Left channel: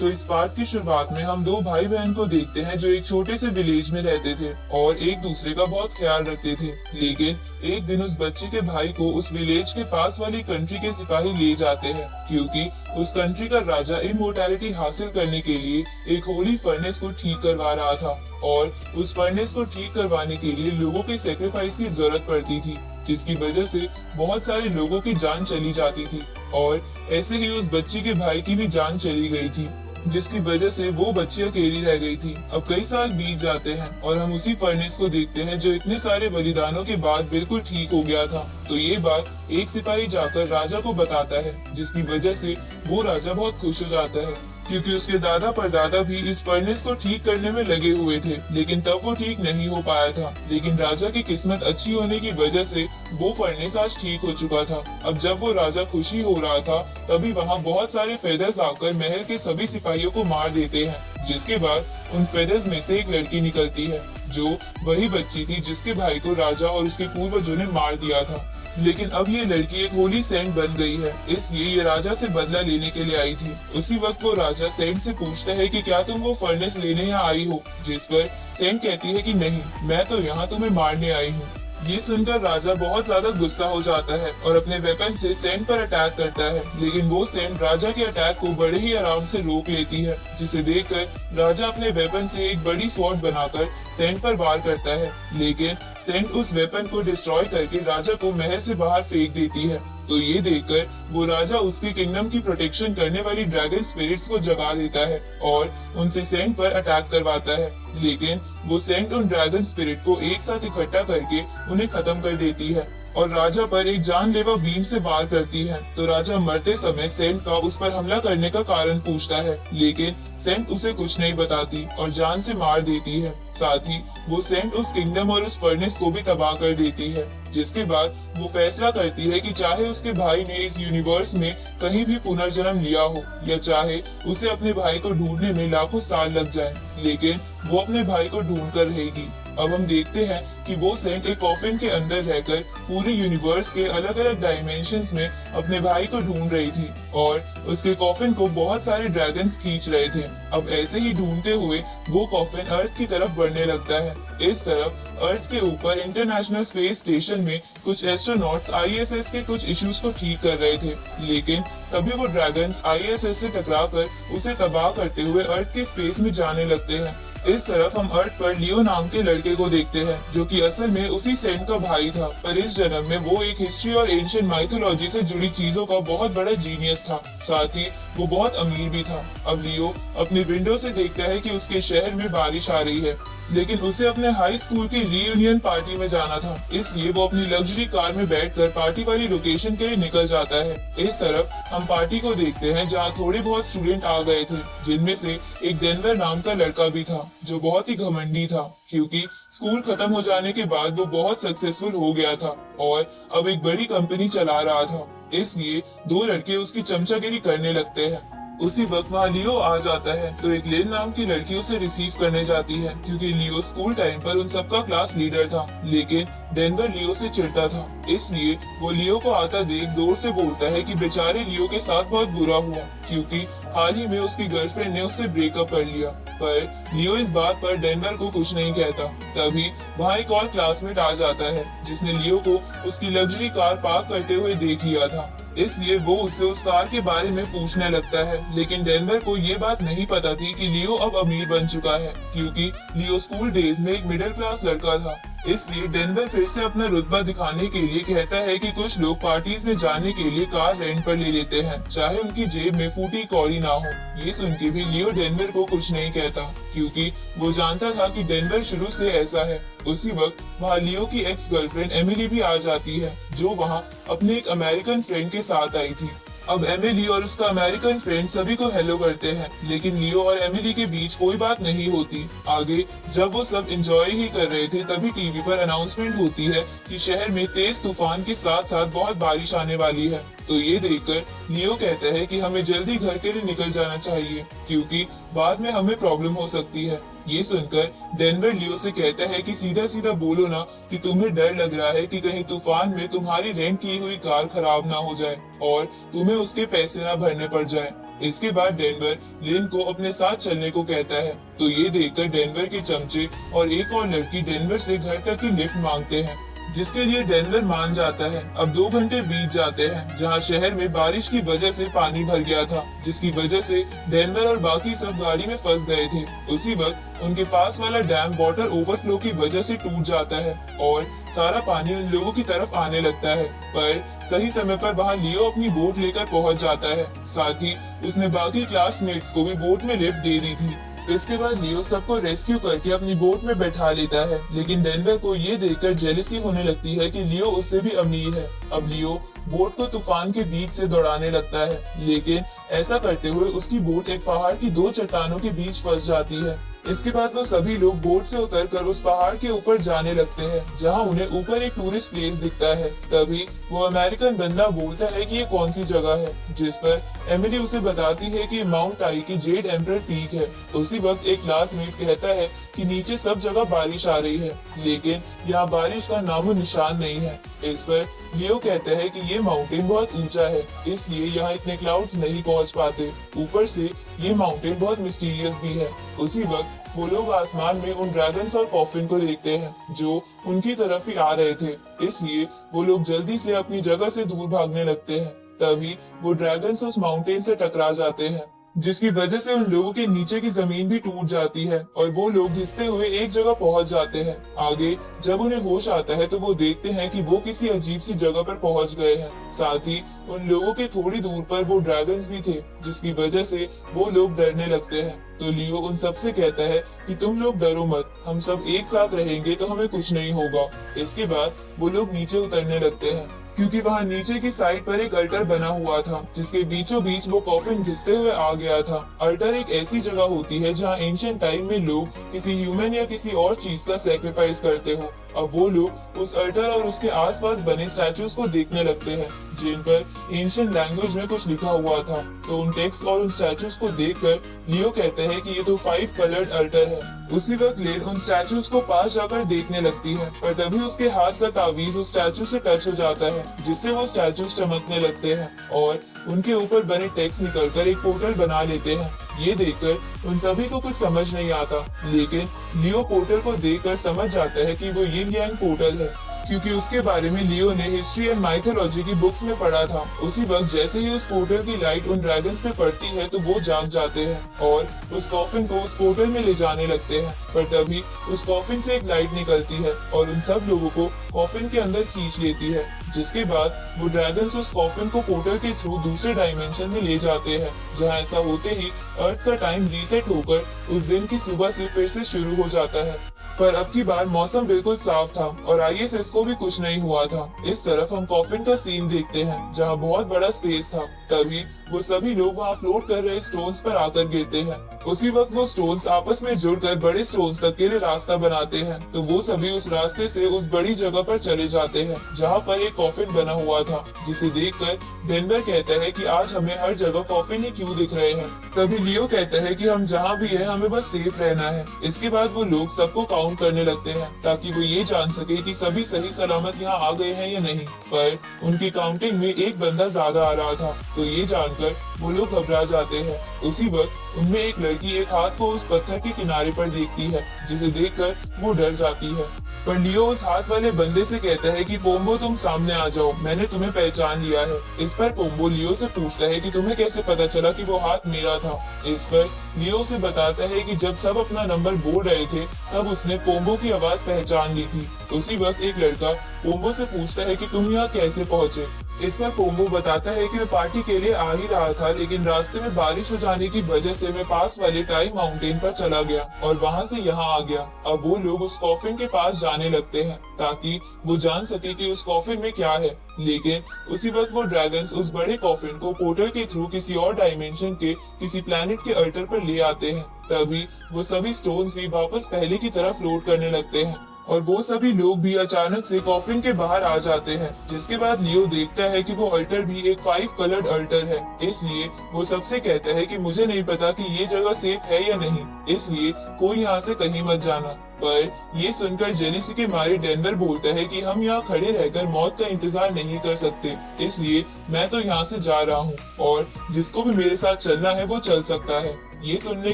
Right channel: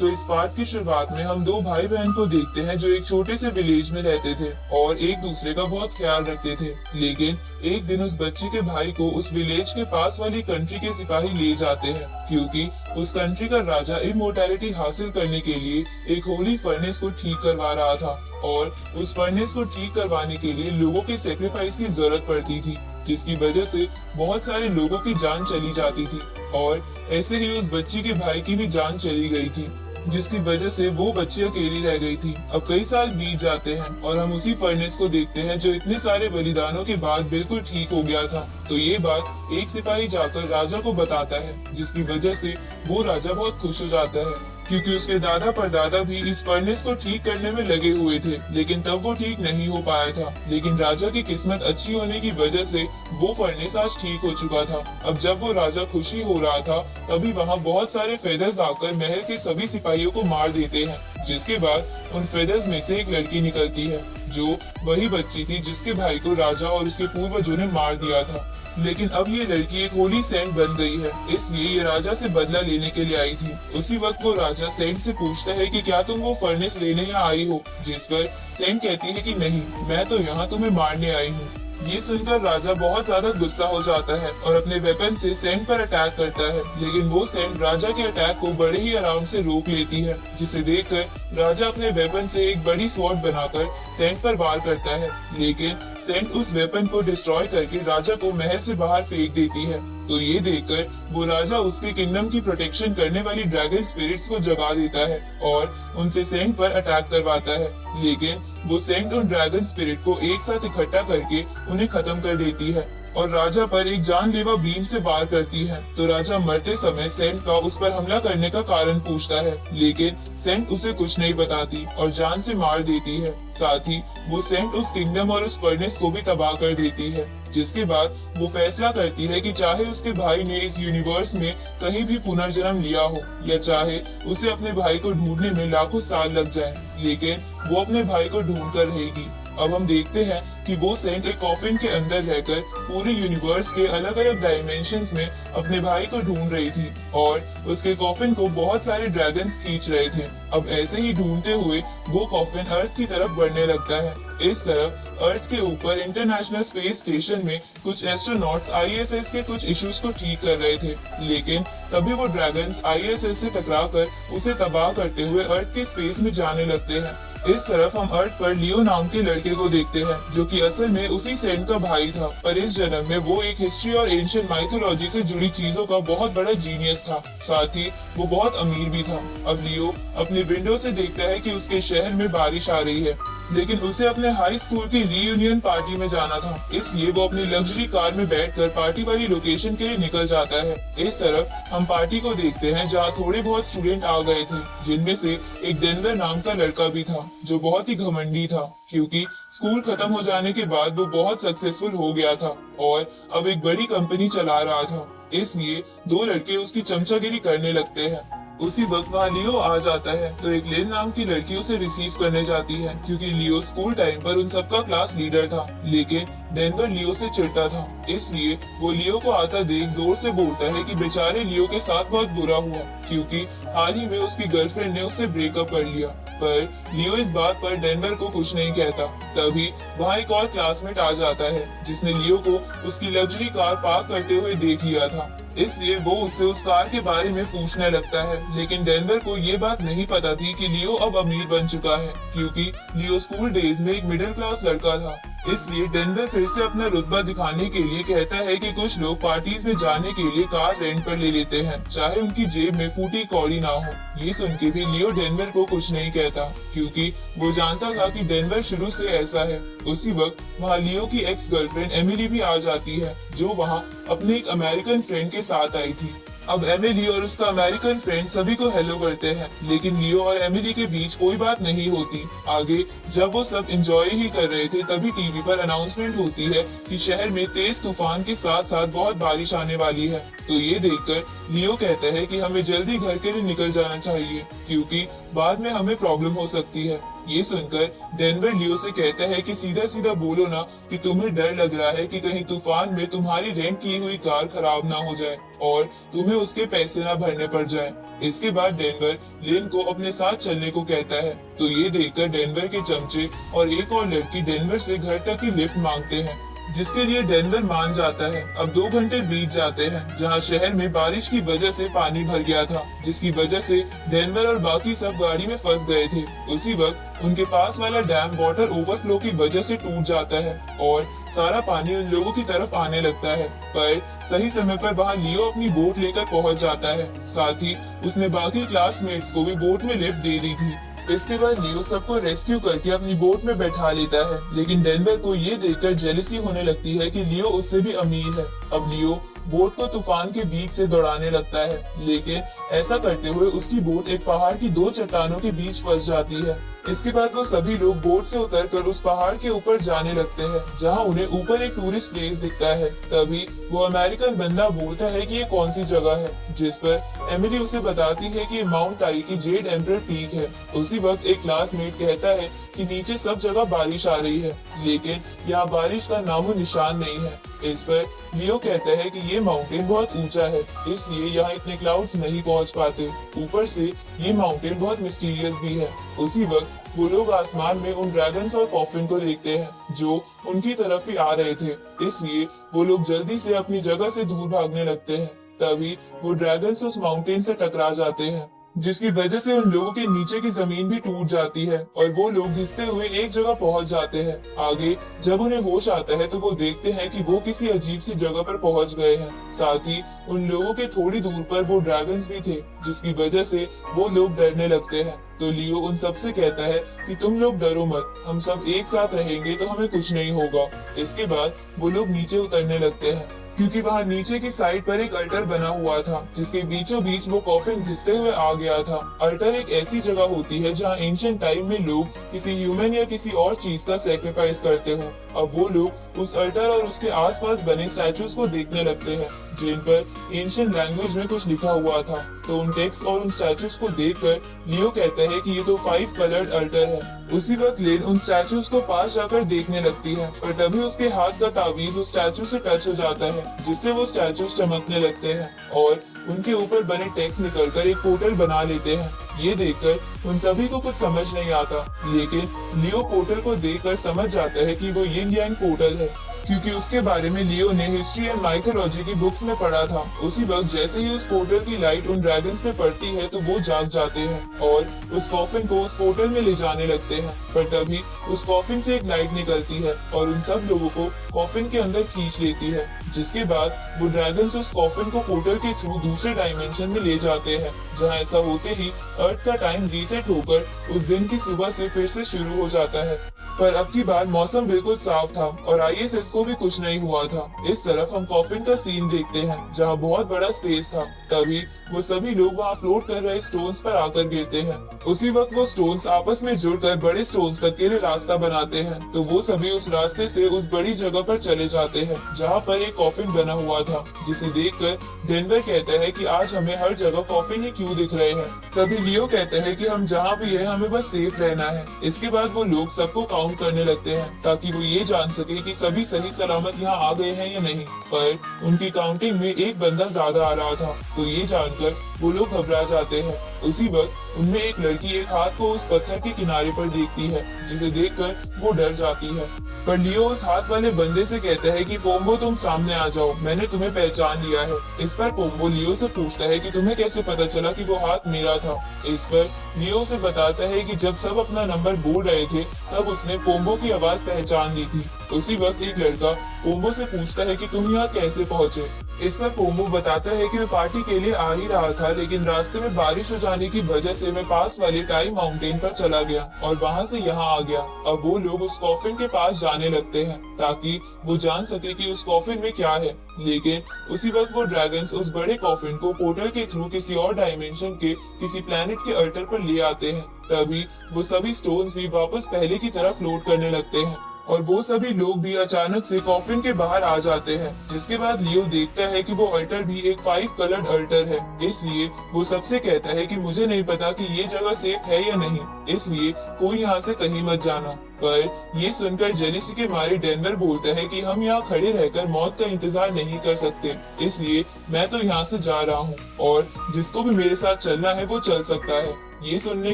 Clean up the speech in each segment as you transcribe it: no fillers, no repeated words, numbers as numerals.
तो इस पार्ट की शुरुआत में हम दो भाई बहन को देखते हैं जो एक छोटे से विलेज में रहते थे और एक दूसरे का बहुत ख्याल रखते थे। लेकिन एक दिन उस बच्चे के भाई को उस विलेज के पास वाली कंट्री के सिपाही ले जाते हैं, क्योंकि उस कंट्री का राजा इमोर्टैलिटी हासिल करने के लिए एक होली फर्नेस को ठीक करवा रहा था और उस फर्नेस को ठीक करवाने के लिए लोगों के सेक्रीफाइस की जरूरत पड़ती थी, जिसकी वजह से बहुत सारे लोगों की जान चली जाती थी और ऐसे ही उस बच्ची के भाई की भी जान चली गई थी, जिसकी वजह से वो बच्ची अकेली रह गई थी। अब कई साल बीत जाते हैं और हम उसी फर्नेस को देखते हैं जो इतने सारे बलिदानों के बाद बिल्कुल ठीक हो गया था। तो ये बात एक सिपाही जाकर राजा को बताता है, जिसकी वजह से वो राजा बहुत खुश हो जाता है, क्योंकि उसके दादा परदादा भी इस फर्नेस को ठीक करने में लगे हुए थे, लेकिन तब वो ठीक नहीं हो पाया था। लेकिन राजा की किस्मत अच्छी होने की वजह से वो फर्नेस आज ठीक हो चुका था। अब जब वो राजा खुशी हो रहा था, तभी वहाँ बहुत सारे फेदर्स आकर महल के सभी सिपाहियों को मार देते हैं, जिसके बाद उन फेदर्स में से एक लड़की निकलती है, जो वही बच्ची थी जिसके भाई को राजा और उसके पूर्वजों ने मार दिया था। लेकिन अब ये लड़की एक होली सेंट बन गई है, इसलिए ये राजा से बदला लेने के लिए आई थी। उसी वक्त वो राजा सेंट से पूछता है कि क्या तुम वो फर्नेस लेने यहाँ आई हो, जिस पर सेंट कहती है कि नहीं, मैं तो यहाँ तुम्हें मारने आई हूँ। ये सुनकर राजा बहुत ज्यादा गुस्सा हो जाता है और अपने वेपन से सेंट पर अटैक करता है, लेकिन वो सेंट राजा के अटैक को बड़े ही आराम से रोक लेती है, जिसे देखकर राजा अपने वेपन से एक बड़ी स्वॉर्ड बनाकर सेंट पर वार करता है। लेकिन सेंट उस वेपन को डिस्ट्रॉय करके राजा को महल से बाहर फेंक देती है। तो ये देखकर वो राजा उसकी किंगडम की प्रोटेक्शन करने वाली ड्रैगन स्पिरिट्स को जगा देता है और उनसे सेंट पर अटैक करवाता है। लेकिन वो सेंट उन ड्रैगन स्पिरिट को एक साथ इकट्ठा करके उन्हें खत्म कर देती है और राजा पर एक जानलेवा बीम से वार करती है। तो राजा मरते समय सेंट का उस पर हमला करने का कारण पूछता है, लेकिन सेंट उसे कुछ नहीं बताती और जान से मार देती है। साथ ही वो सेंट उस किंगडम और उस फर्नेस को भी तबाह कर देती है, जिसके बाद वो फैसला करती है कि चाहे उसके भाई ने इस यूनिवर्स में कहीं भी पुनर्जन्म लिया हो या चाहे उसे अपने भाई को ढूंढने में लाखों साल लग जाए, लेकिन वो अपने भाई को ढूंढ कर रहेगी। अब हम देखते हैं कि वो सेंट एक कॉफिन के अंदर रहकर पूरे यूनिवर्स के अलग अलग डायमेंशंस में अपने भाई को ढूंढ रही थी और उसके कॉफिन को बहुत सारे ड्रैगन्स खींच रहे थे। अब ऐसे ही ढूंढते हुए वो कॉफिन अर्थ की तरफ बढ़ने लगता है। इस तरफ अर्थ के ऊपर इंटरनेशनल स्पेस स्टेशन में कुछ एस्ट्रोनॉट्स आईएसएस के कुछ इश्यूज को ठीक कर रहे थे, लेकिन तभी वो ड्रैगन्स आईएसएस से टकराकर उसे तबाह करते हुए अर्थ के स्पेस में जाने लगते हैं। इस तरफ हम अर्थ पर लियो नाम के लड़के को देखते हैं, जो कि असल में उसी सेंट का भाई था, पर इस जन्म में वो एक हिस्ट्री और एंशिएंट माइथोलॉजी से जुड़ी चीजों का बहुत बड़ा जीनियस था। साथ ही वो बहुत अमीर भी था। अब लियो अपने विंडो से देखता है कि उसके शहर में बारिश आ रही है, लेकिन उसे अपने हाई स्कूल की रीयूनियन पार्टी में जाना था, इसलिए वो अपनी लग्जरी कार में बैठकर पार्टी वाली लोकेशन के लिए निकल जाता है। इस तरफ हम पार्टी को देखते हैं, जहाँ थोड़े बहुत स्टूडेंट आ गए थे, जिनमें से एक डेनवर नाम का लड़का भी था, जो बहुत ही घमंडी था, क्योंकि स्कूल खत्म हो जाने के बाद वो बहुत सक्सेसफुल हो गया था और अब एक बड़ी कंपनी चला रहा था, इसलिए दो लड़के उसकी चमचागिरी करने लगते हैं। उसी वक्त वहाँ लियो आ जाता है, तो एक लिन नाम की लड़की उसे रिसीव करने जाती है, क्योंकि लियो स्कूल टाइम पर उन सबका क्लास लीडर था। लेकिन डेनवर लियो से चिढ़ता था, इसलिए वो लियो को आता देख जोर से बोलता है कि बेचारे लियो के साथ बहुत बुरा हुआ, क्योंकि हाल ही में उसकी गर्लफ्रेंड ने उससे ब्रेकअप कर लिया। पर लियो इस बात पर डेनवर को कुछ नहीं कहता। तभी वहाँ एक और क्लासमेट आ जाता है, जिसने लियो को उसकी लग्जरी कार पार्क करते हुए देख लिया था, इसलिए वो उससे उस कार के बारे में पूछने लगता है। लेकिन डेनवर को ये बात नहीं पता थी कि लियो अब अमीर बन चुका है, क्योंकि लियो स्कूल डेज में एक मिडिल क्लास लड़का था। इसलिए डेनवर फिर से अपना रुतबा दिखाने के लिए कहता है कि कुछ लोग पार्टीज में जाने के लिए कार रेंट पर ले लेते हैं, चाहे उनकी जेब में फूटी कौड़ी ना हो। ये सुन के भी लियो डेनवर को कुछ नहीं कहता, क्योंकि वो जानता था कि डेनवर शुरू से ऐसा है। उसी वक्त वहाँ लियो की एक्स गर्लफ्रेंड एमिली भी आ जाती है, जो वहाँ अपने एक अमेरिकन फ्रेंड के साथ आई थी। अब एमिली और उसका अमेरिकन फ्रेंड सभी को हेलो करते हैं, लेकिन लियो और एमिली के बीच कोई बात नहीं होती। आगे जब वो सब एंजॉय ही कर रहे थे, तभी टीवी पर अनाउंसमेंट होती है कि शहर में तेज तूफान के साथ साथ बहुत बारिश आने वाली है। तो ये देखकर लियो कहता है कि हमें जल्दी घर के लिए निकल जाना चाहिए, क्योंकि बाद में हमें प्रॉब्लम हो सकती है। ये सुनकर डेनवर लियो से कहता है कि सीधा सीधा बोलो ना कि तुम्हें डर लग रहा है कि कहीं तूफान में तुम्हारी रेंट की हुई कार खराब ना हो जाए और तुम्हें उसके पैसे ना भरने पड़ जाए। इसके बाद डेनवर लिन को अपने साथ चलने को कहता है। तो ये देखकर डेनवर के चमचे और एक और लड़की डेनवर से घर तक की लिफ्ट मांगते हैं, जिसके लिए डेनवर मान जाता है। अब 2 घंटे बीत जाते हैं, जहां शहर में बारिश की वजह से पानी भर गया था, जिसकी वजह से डेनवर और बाकी सब गाड़ी में फंस गए थे। उसी वक्त उनके पास वाला डैम वाटर ओवरफ्लो की वजह से टूट जाता है और सारा पानी उन लोगों की तरफ आने लगता है। पर सही समय पर वहां लियो अपनी बोट लेकर पहुंच जाता है। साथ ही उसने बाकी क्लासमेट्स को भी बोट में लिफ्ट दे दी थी। इसके बाद लियो सबको रेस्क्यू करके अपनी बोट में बैठा लेता है, लेकिन डेनवर को ये देखकर जेलसी होने लगती है कि लियो उससे भी अमीर है। अब लियो बोट को तूफान के बीच से दौड़ाने लगता है, लेकिन ऐसा करते हुए उसकी बोट एक पहाड़ की 2 चट्टानों के बीच फंस जाती है। इसके बाद वो सभी लोग बोट से उतरकर उस पहाड़ के ऊपर जाने लगते हैं, जहां उन्हें ऊपर एक टूरिस्ट प्लेस दिखता है। तभी वो अमेरिकन बंदा बोलता है कि ये कौन सी जगह है, जिस पर एमिली उसे बताती है कि माउंट टाई की जेड एम्परर पीक है। उसी वक्त एक क्लासमेट कहता है कि नीचे सब जगह बारिश आ रही है, लेकिन यहाँ बारिश का नामो निशान नहीं है। इस पर लियो कहता है कि ये माउंटेन बहुत ऊंचा है, इसलिए यहाँ इतने क्लाउड्स नहीं पहुँच पाते। ऊपर से ये माउंटेन बहुत मिस्टीरियस भी है। उसी वक्त वो लोग आसमान में उन ड्रैगन्स और कॉफिन को देखते हैं जो उनकी तरफ ही आ रहे थे, इसलिए वो लोग जल्दी से अपनी जगह से दूर भागने लगते हैं। तभी वो ड्रैगन्स उस माउंटेन से टकरा जाते हैं, जिसकी वजह से उन लोगों के नीचे की जमीन भी टूट जाती है और वो लोग घिसते हुए एक जगह पहुंच जाते हैं। आगे जब उन्हें होश आता है तो वो देखते हैं कि वो किसी अजीब सी जगह पर पहुंच गए हैं। साथ ही उन लोगों के थोड़ी दूर पर वो ड्रैगन्स भी थे, जिसकी वजह से वो लोग डरने लगते हैं। तो लियो उन सबसे कहता है कि तुम लोग डरो मत, हम सब एक साथ रहेंगे तो हमें कुछ नहीं होगा। इसके बाद वो लोग नीचे उतरने लगते हैं, क्योंकि वहाँ नीचे की साइड पर एक अल्टर बना हुआ था, जिसके बीचों बीच वो कॉफिन घिसते हुए आ गया था। अल्टर एक ऐसी जगह होती है जहाँ एंशिएंट टाइम में लोग किसी ह्यूमन या किसी और चीज का सैक्रिफाइस करते हो। अब वो लोग उस अल्टर और उसके आसपास बने स्टैचूज को देखने लगते हैं, जिन पर एंशिएंट लैंग्वेज में कुछ लिखा हुआ था। तो उन टेक्स्ट और उन स्टैचूज को देखकर लियो कहता है कि ये तो 5 कलर्ड अल्टर है। उसी वक्त लेन उन स्टैचूज को पास जाकर देखने लगती है, पर तभी उसके हाथ का तावीज उस स्टैचू से टच हो जाता है, जिससे वो स्टैचूज चमकने लगते हैं और उनके ऊपर बने टेक्स्ट निकलकर एक पोर्टल बना लेते हैं। ये देखकर उन सभी को कुछ समझ नहीं आता, लेकिन लियो पोर्टल को देखकर समझ जाता है कि वो यिन यांग पोर्टल है, क्योंकि उसके बारे में लियो ने हिस्ट्री एंड माइथोलॉजी की बुक्स में पढ़ा था। उसी वक्त जैसे ही उस पोर्टल की लाइट उन ड्रैगन्स में पड़ती है तो वो जाग जाते हैं और उस कॉफिन को उस पोर्टल में ले जाने लगते हैं। पर तभी उस कॉफिन से एक लाइट निकलती है और उन सब लोगों को कॉफिन के अंदर खींच लेती है, जिसके बाद वो ड्रैगन्स उस कॉफिन को पोर्टल के थ्रू दूसरे डायमेंशन में ले जाते हैं, जहाँ ऐसा होते ही अर्थ का टाइम रीसेट होकर उस दिन की सुबह से फिर से शुरू हो जाता है। पर अब की बार मौसम बिल्कुल साफ था और आईएसएस को भी कुछ नहीं हुआ था। इस तरफ हम कॉफिन का सीन देखते हैं, जहाँ बहुत बड़ा स्पेस था। तभी वो सभी लोग वहाँ फ्लोट कर रहे स्टोन्स पर आकर गिरते हैं। उसी वक्त वो स्टोन्स आपस में जुड़कर बड़ी स्टोन्स तक के लिए रास्ता बनाते हैं। तो वो सभी उस रास्ते से उस बड़ी जगह पर चले जाते हैं, जहाँ पर एक कॉफिन बना हुआ था, जिसे देखकर डेनवर कहता है कि आज हमें हर जगह कॉफिन ही क्यों दिख रहे हैं। तभी लियो कहता है कि हम जहाँ भी है हमें बस सेफ रहना है। इसके बाद वो लोग सबको काउंट करने लगते हैं, ताकि वो ये जान सके कि सभी सही सलामत यहाँ आ गए हैं या नहीं। पर उनकी काउंटिंग में एक बंदा ज्यादा आ रहा था, तो ये जानकर वो लोग घबरा जाते हैं। उसी वक्त उनमें एक लड़की एक हाथ को उस पत्थर के किनारे पर देखती है, जिसे देखकर वो डर जाती है। पर लियो उस हाथ वाले बंदे से कहता है कि पोम्बो तुम सामने आ जाओ, मैंने तुम्हें पहचान लिया है। इस पर पोम्बो लियो से पूछता है कि तुम्हें कैसे पता चला कि वो हाथ मेरा था। इस पर लियो से बताता है कि जब सब अपना नंबर बोल रहे थे तब उसने पोम्बो की आवाज पहचान ली थी। उसी वक्त एक लड़का पोम्बो से पूछता है कि तुम यहाँ कैसे पहुँचे। इसमें पोम्बो बताता है कि मैं पार्टी के लिए आ ही रहा था, लेकिन रास्ते में बारिश हो जाने की वजह से मैं पास वाले टाई माउंटेन पर चला गया और वहाँ से यहाँ आ गया। अब वो लोग उस कॉफिन के पास जाने लगते हैं, ताकि वो जान सके कि उस कॉफिन में क्या है। लेकिन उसी वक्त वो ड्रैगन्स उस बड़े कॉफिन को पोर्टल के थ्रू किसी और डायमेंशन के किसी प्लैनेट के अल्टर पर ले आते हैं। तभी वो सभी स्टोन्स भी वापस पहले की तरफ फ्लोट करने लगते हैं और वो सभी लोग भी अचानक से कॉफिन के बाहर आ जाते हैं, जिसके बाद लियो देखता है कि वो अल्टर भी एक 5 कलर्ड अल्टर है। इसलिए वो सबसे कहता है कि मुझे नहीं पता कि ये जगह सेफ है या नहीं, इसलिए कोई यहाँ से कहीं मत जाना। पर ये सुनकर जेलिसी के मारे डेनवर बोलता है कि हम यहाँ खड़े रहकर मौत का इंतजार नहीं कर सकते, इसलिए मैं तो यहाँ से जा रहा हूँ और जिसको भी मेरे साथ चलना है वो चल सकता है। ये सुनने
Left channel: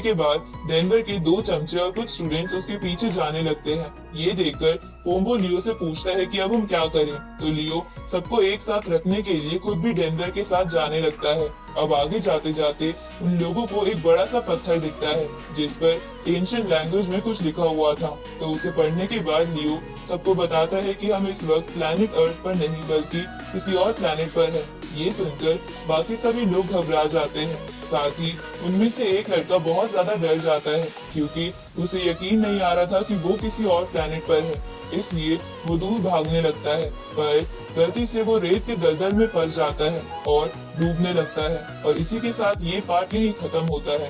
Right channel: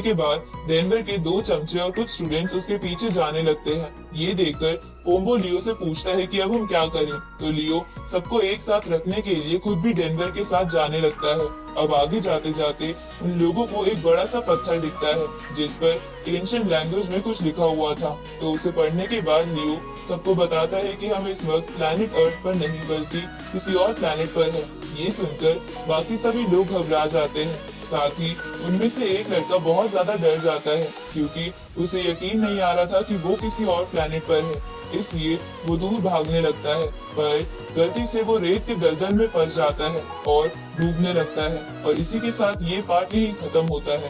के बाद डेनवर के 2 चमचे और कुछ स्टूडेंट्स उसके पीछे जाने लगते हैं। ये देखकर पोम्बो लियो से पूछता है कि अब हम क्या करें, तो लियो सबको एक साथ रखने के लिए खुद भी डेनवर के साथ जाने लगता है। अब आगे जाते जाते उन लोगों को एक बड़ा सा पत्थर दिखता है जिस पर एंशिएंट लैंग्वेज में कुछ लिखा हुआ था, तो उसे पढ़ने के बाद लियो सबको बताता है कि हम इस वक्त प्लैनेट अर्थ पर नहीं बल्कि किसी और प्लैनेट पर हैं। ये सुनकर बाकी सभी लोग घबरा जाते हैं, साथ ही उनमें से एक लड़का बहुत ज्यादा डर जाता है क्योंकि उसे यकीन नहीं आ रहा था कि वो किसी और प्लैनेट पर है, इसलिए वो दूर भागने लगता है। पर गलती से वो रेत के दलदल में फंस जाता है और डूबने लगता है। और इसी के साथ ये पार्ट यही खत्म होता है।